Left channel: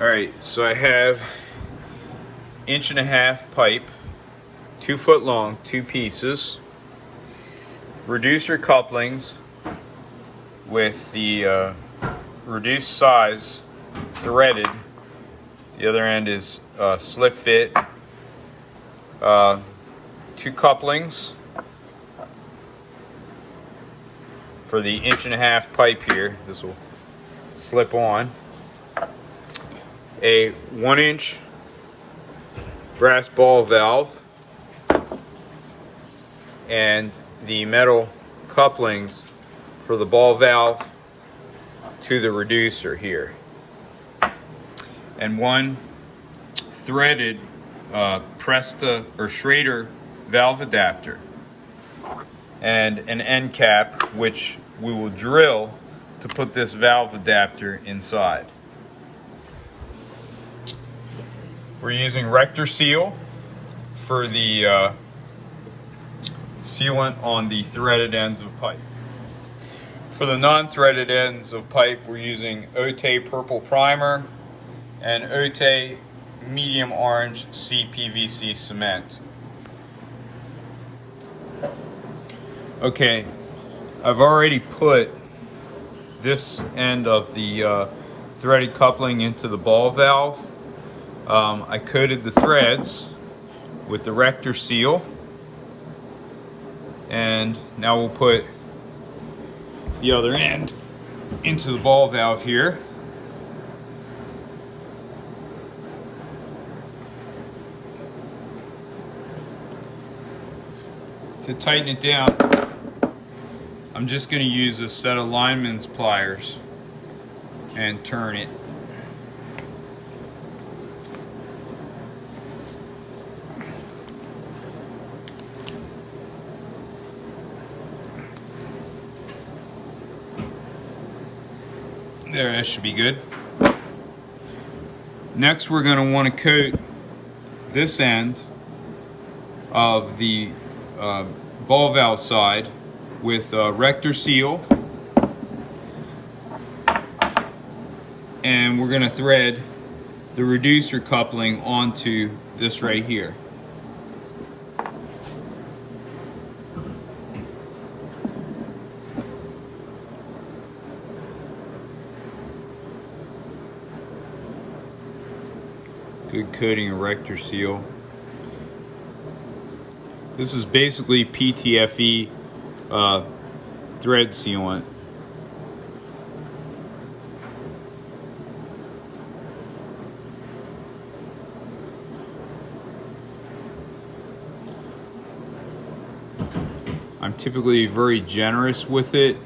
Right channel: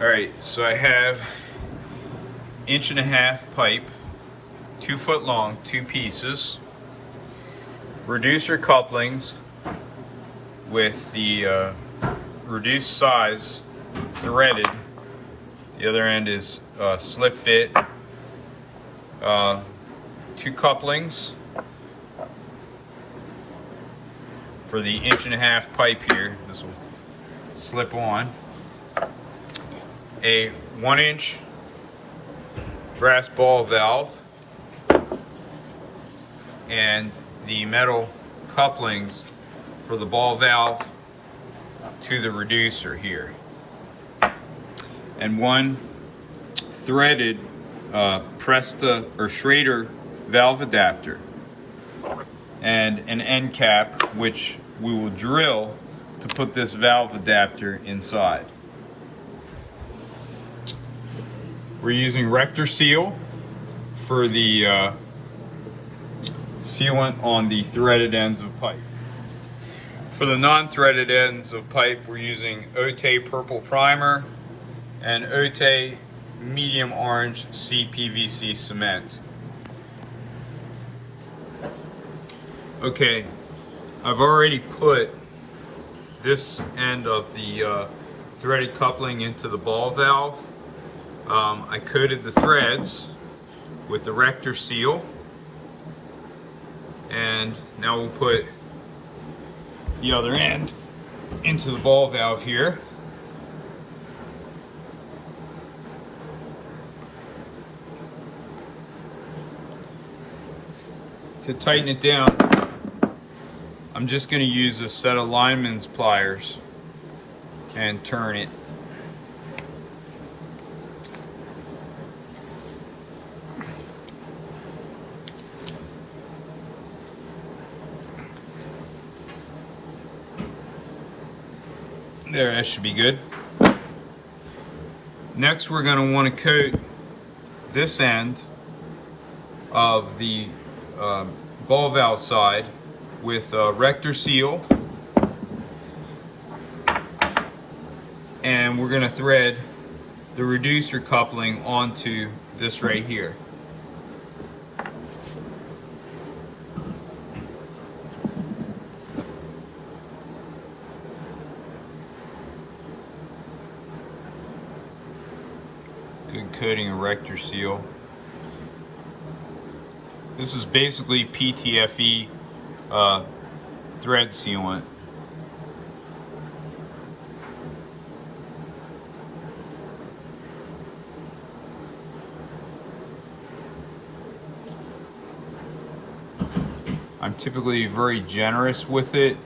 Alright, so I have 1.5-inch pipe, 2 foot long, 2 pieces, reducer couplings with the reduced size threaded. The other end is slip fit. 2 couplings for the 1.5-inch pipe here. This will slip on. A 1-inch brass ball valve and the metal couplings for the ball valve to the reducer here, and 1 threaded Presta or Schrader valve adapter, and an end cap which we will drill to put this valve adapter inside. We're using rector seal for the sealant on the threaded ends of pipe. For the non-threaded ends of pipe, we're using Ote purple primer and Ote medium orange PVC cement. Okay, I've already put this end of the threaded coupling into the ball valve. I coated the threads with the rector seal, and now we'll put the other end into the ball valve here. To tighten it down, I'm just going to use a set of lineman's pliers and turn it. There, that should be good. Next, we're going to want to coat this end of the ball valve side with rector seal, and we're going to thread the reducer coupling onto this right here. Good coating of rector seal. This is basically PTFE thread sealant. I'm typically very generous with it,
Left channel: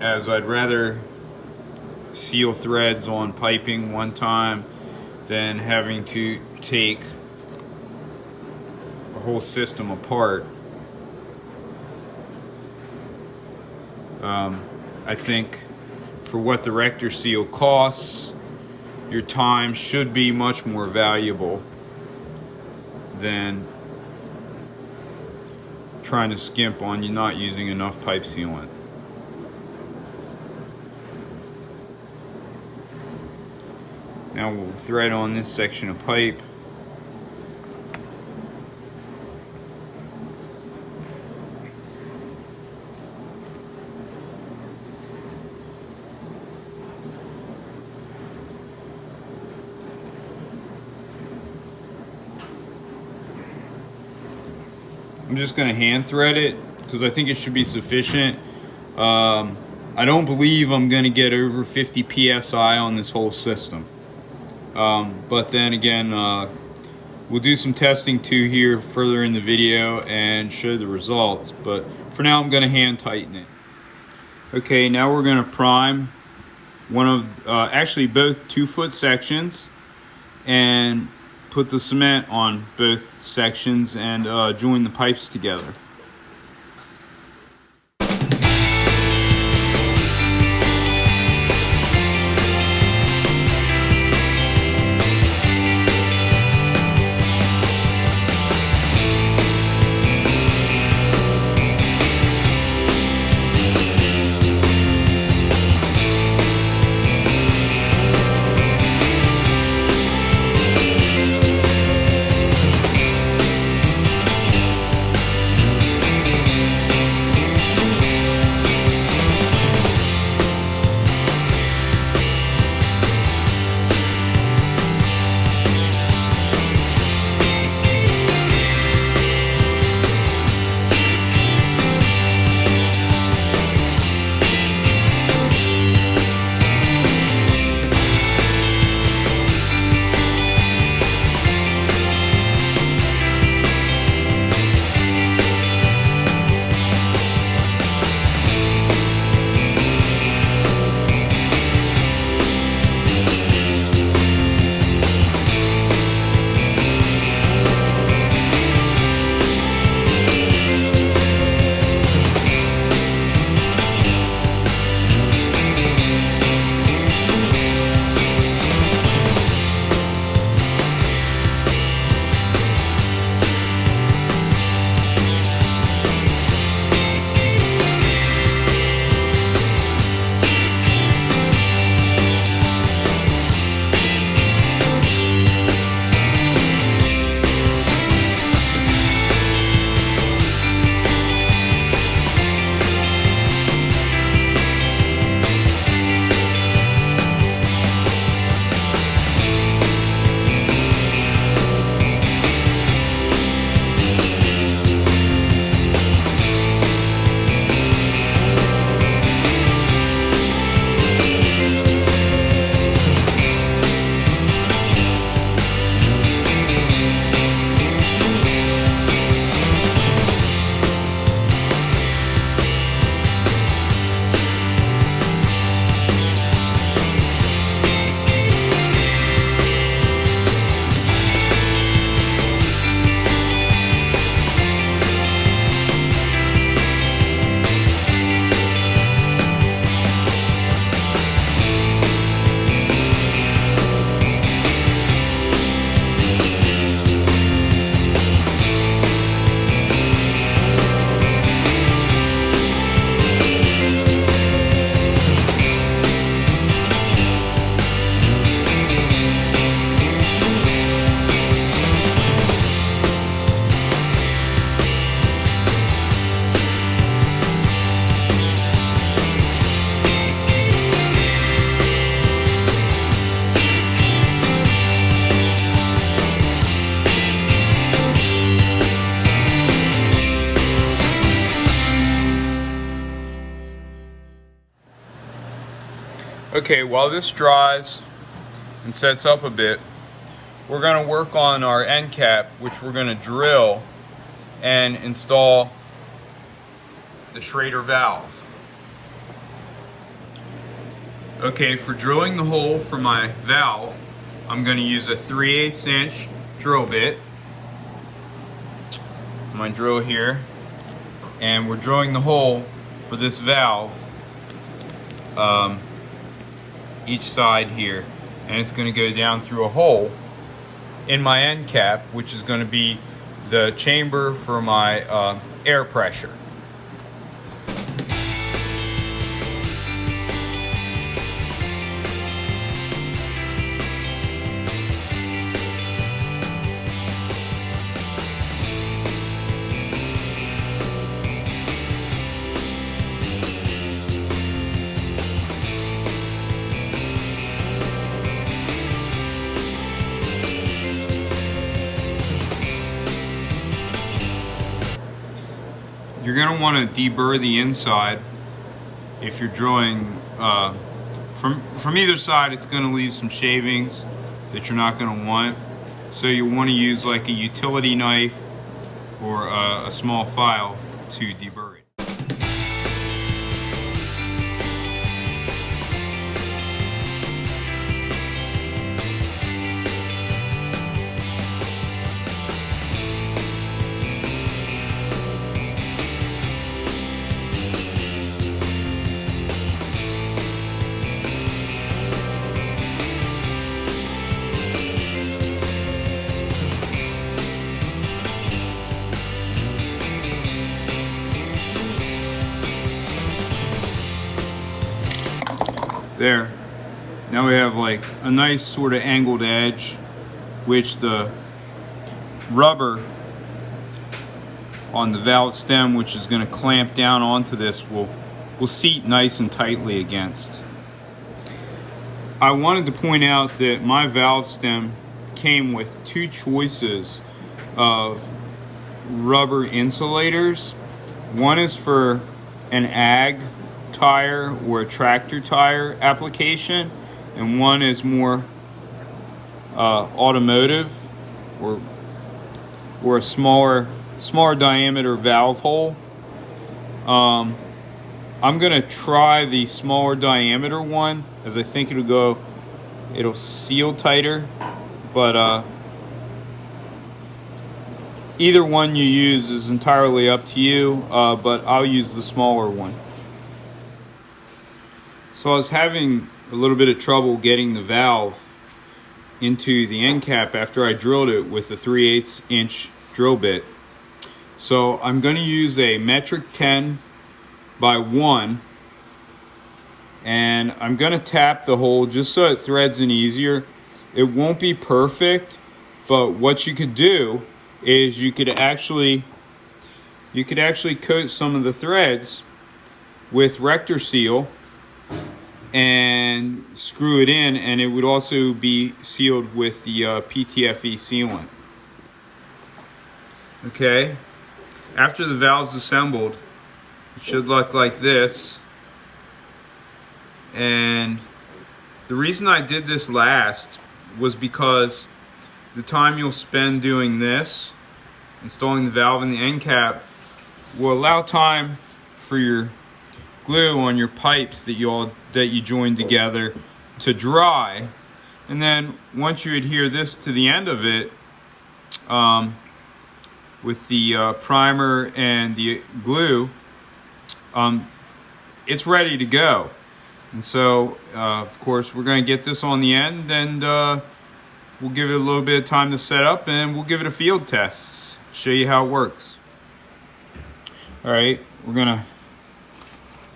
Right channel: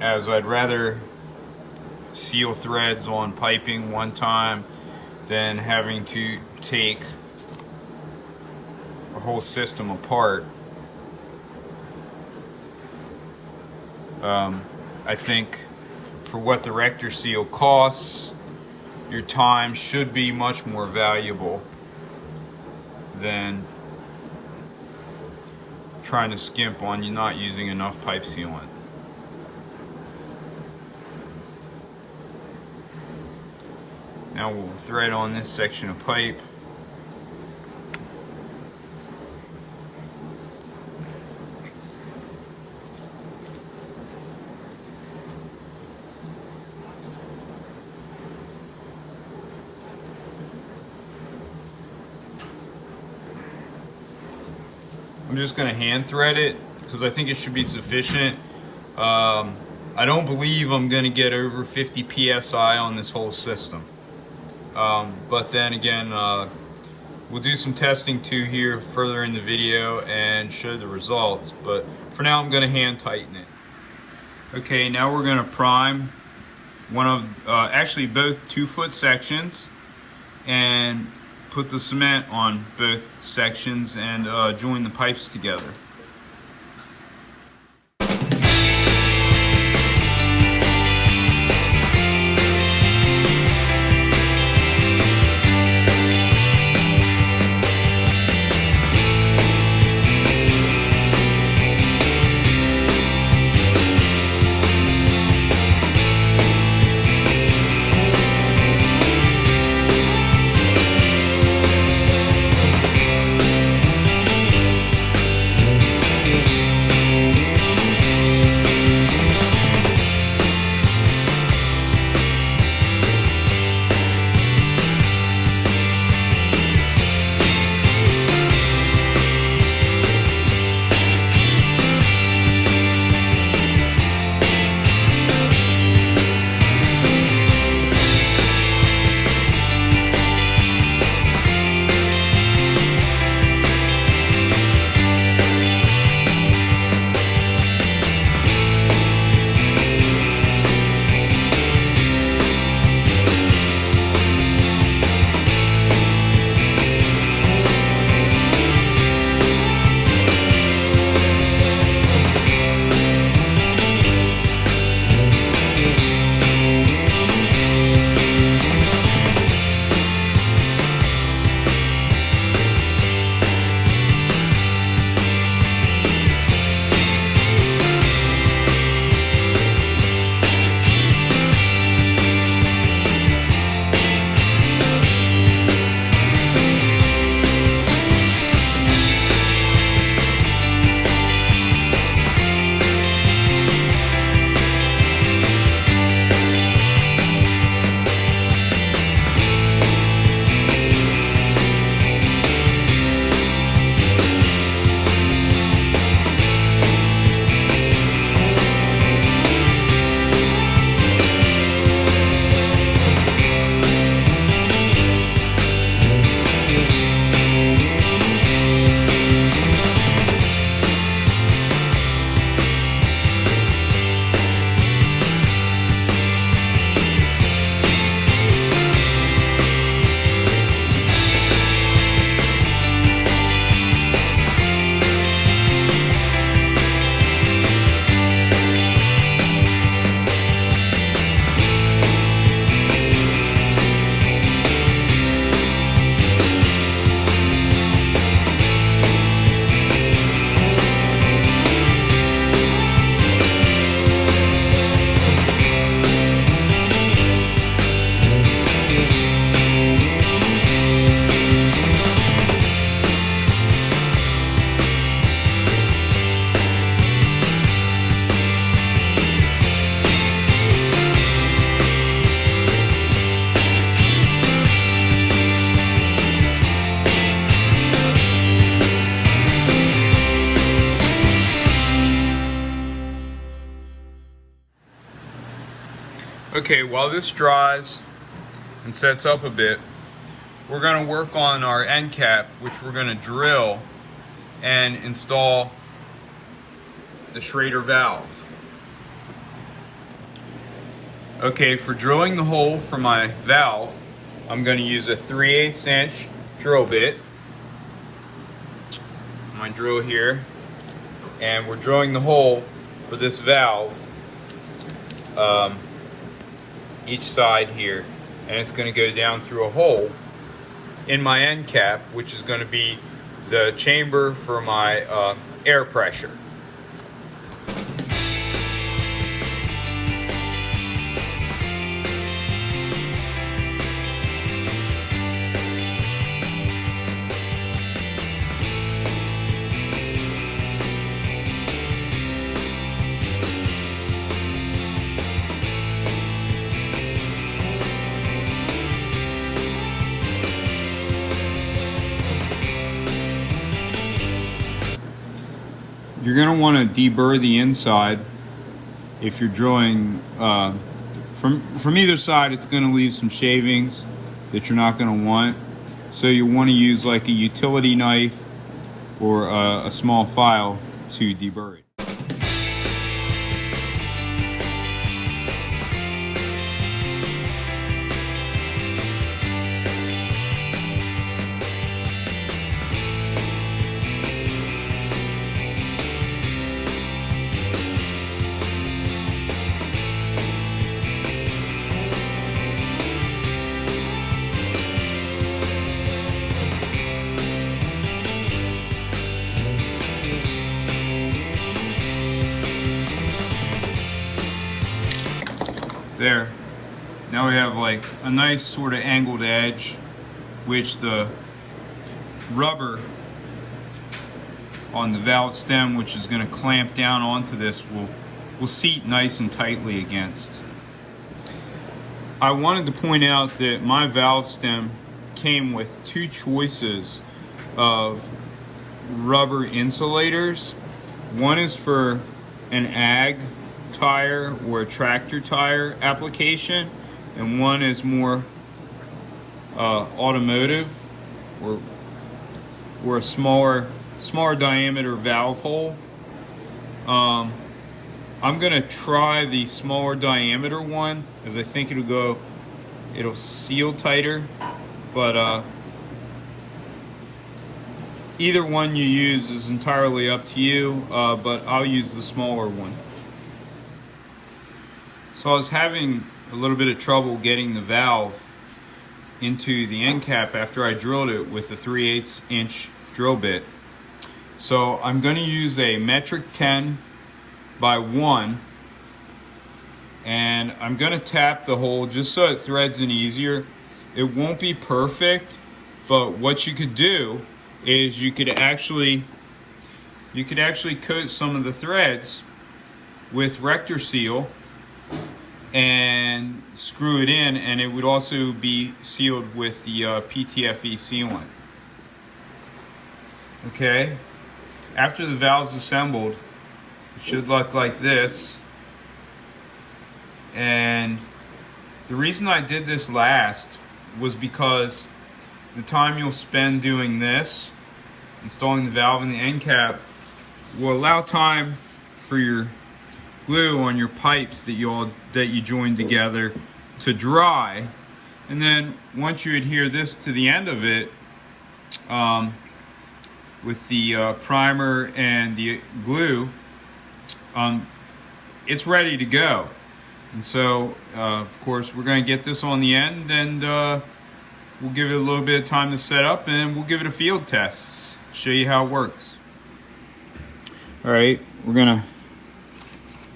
as I'd rather seal threads on piping one time than having to take a whole system apart. I think for what the rector seal costs, your time should be much more valuable than trying to skimp on you not using enough pipe sealant. Now we'll thread on this section of pipe. I'm just going to hand thread it because I think it should be sufficient. I don't believe I'm going to get over 50 psi on this whole system. But then again, we'll do some testing too here further in the video and show the results. But for now, I'm going to hand tighten it. Okay, now we're going to prime one of, actually both 2-foot sections, and put the cement on both sections and join the pipes together. Okay, while this dries and sets up a bit, we're going to work on our end cap, which we're going to drill and install the Schrader valve. Okay, for drilling the hole for my valve, I'm going to use a 3/8 inch drill bit. My drill here, and we're drilling the hole for this valve each side here, and it's going to go down through a hole in my end cap, which is going to be the chamber for my air pressure. You're going to want to deburr the inside if you're drilling from either side. It's going to leave some shavings that you're not going to want, so you want to use like a utility knife or a small file to deburr it. There. Now we have like a nice sort of angled edge, which the rubber on the valve stem, which is going to clamp down onto this, will seat nice and tightly against. I wanted to point out that my valve stem came with two choices of rubber insulators. One is for an ag tire or a tractor tire application, and one is more automotive or a smaller diameter valve hole. I'm gonna try the smaller diameter one, as I think it'll seal tighter, but either one you use is entirely up to you, but I'll use the smaller one. So I was having a little bit of trouble getting the valve into the end cap after I drilled it with a 3/8 inch drill bit. So I'm going to use a metric 10 by 1, and I'm going to tap the hole just so it threads in easier. It won't be perfect, but what you could do is you could actually coat some of the threads with rector seal and screw it in, and it would also be sealed with the PTFE sealant. Okay, after the valve's assembled, it should look like this. And the reason I did this last was because the time you'll spend doing this, installing the valve in the end cap, will allow time for your glue on your pipes that you joined together to dry. And then once you adhere this to the end of it with the primer and the glue, it's ready to go. And so of course we're going to get this on the end, and we'll give it a little bit of time to set up, and we'll give it a field test, show you how it works. All right, we're gonna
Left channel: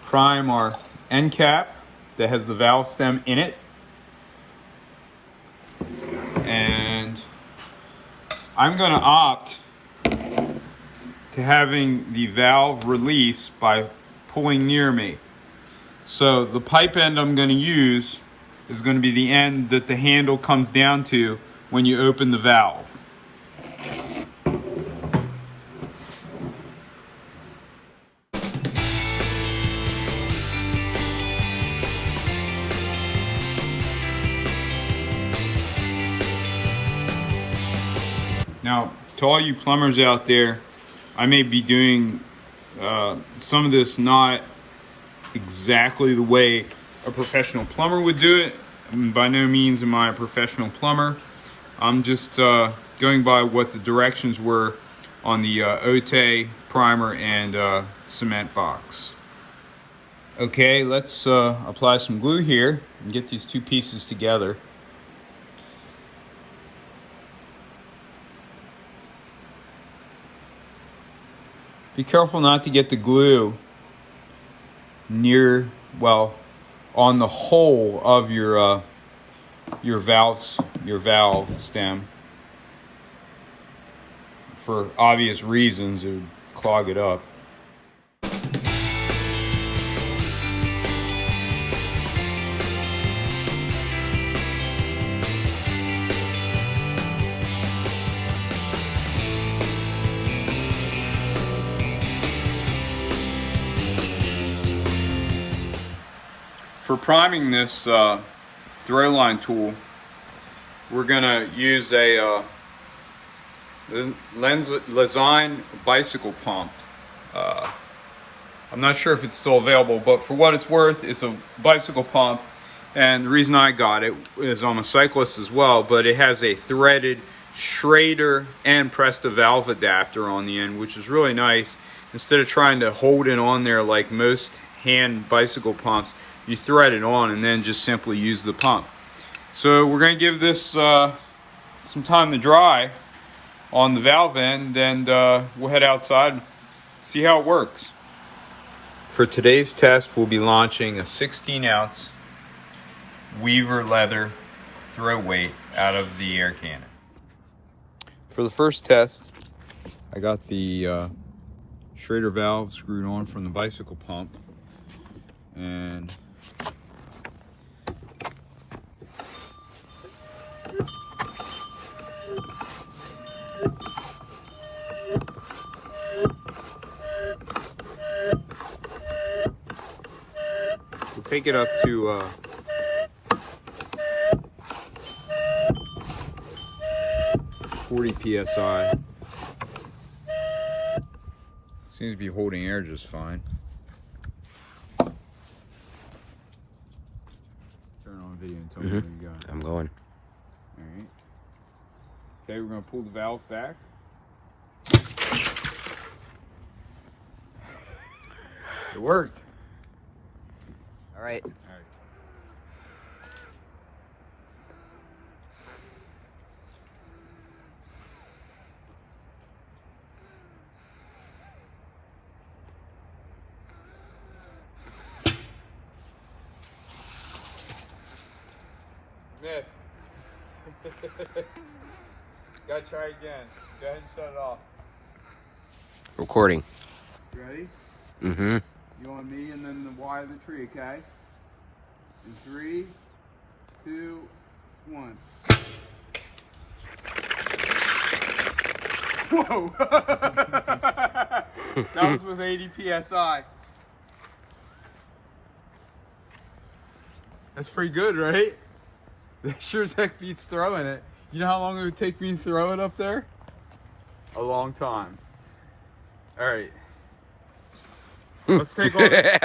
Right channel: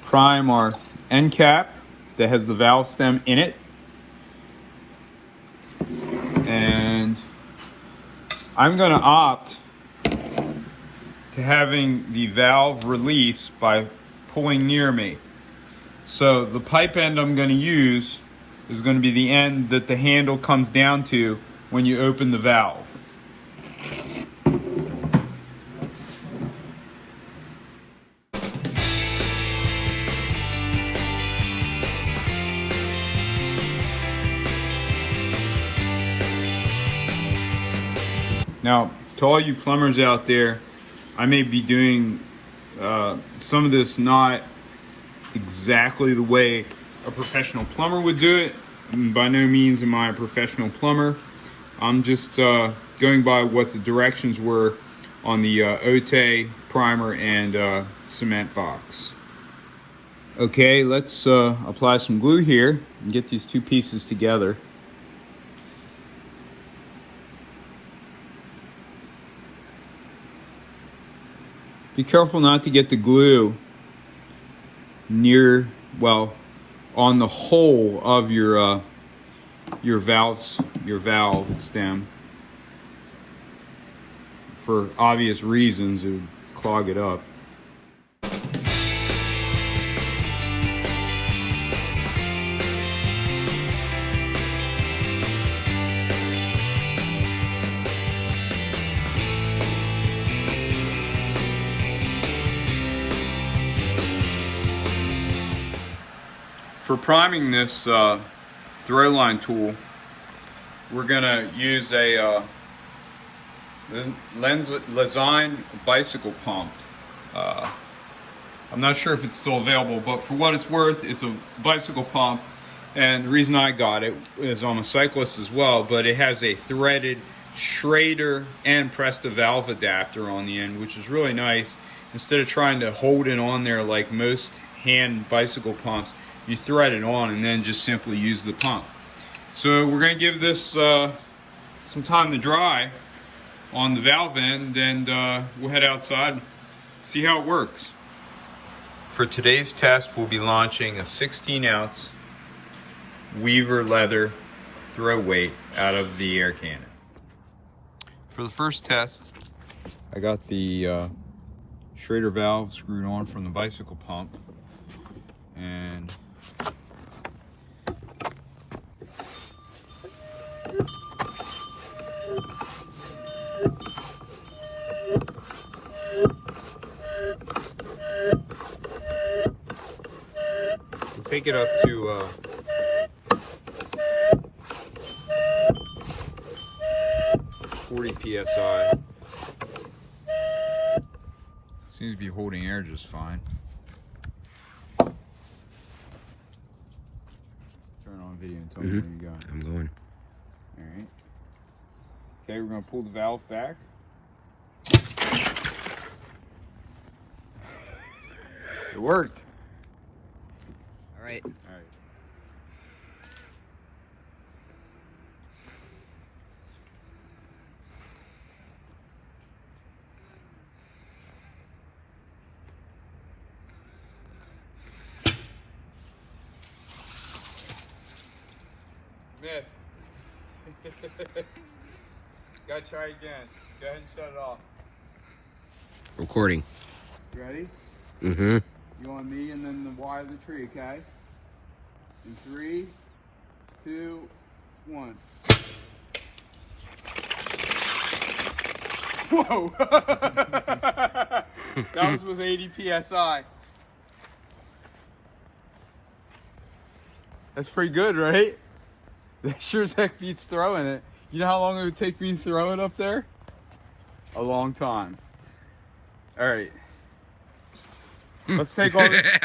prime our end cap that has the valve stem in it, and I'm going to opt to having the valve release by pulling near me. So the pipe end I'm going to use is going to be the end that the handle comes down to when you open the valve. Now, to all you plumbers out there, I may be doing some of this not exactly the way a professional plumber would do it. By no means am I a professional plumber. I'm just going by what the directions were on the Ote primer and cement box. Okay, let's apply some glue here and get these two pieces together. Be careful not to get the glue near, well, on the hole of your valve stem. For obvious reasons, it would clog it up. For priming this throw line tool, we're gonna use a Lenzine bicycle pump. I'm not sure if it's still available, but for what it's worth, it's a bicycle pump. And the reason I got it is I'm a cyclist as well, but it has a threaded Schrader and Presta valve adapter on the end, which is really nice. Instead of trying to hold it on there like most hand bicycle pumps, you thread it on and then just simply use the pump. So we're going to give this some time to dry on the valve end, and we'll head outside and see how it works. For today's test, we'll be launching a 16-ounce Weaver leather throw weight out of the air cannon. For the first test, I got the Schrader valve screwed on from the bicycle pump, and we'll take it up to 40 psi. Seems to be holding air just fine. Turn on video and tell me what you got. I'm going. Alright. Okay, we're going to pull the valve back. It worked. All right. Missed. Gotta try again. Go ahead and shut it off. Recording. You ready? Mm-hmm. You want me and then the Y of the tree, okay? In 3, 2, 1. Whoa! That was with 80 psi. That's pretty good, right? That sure as heck beats throwing it. You know how long it would take me to throw it up there? A long time. All right. Let's take all this.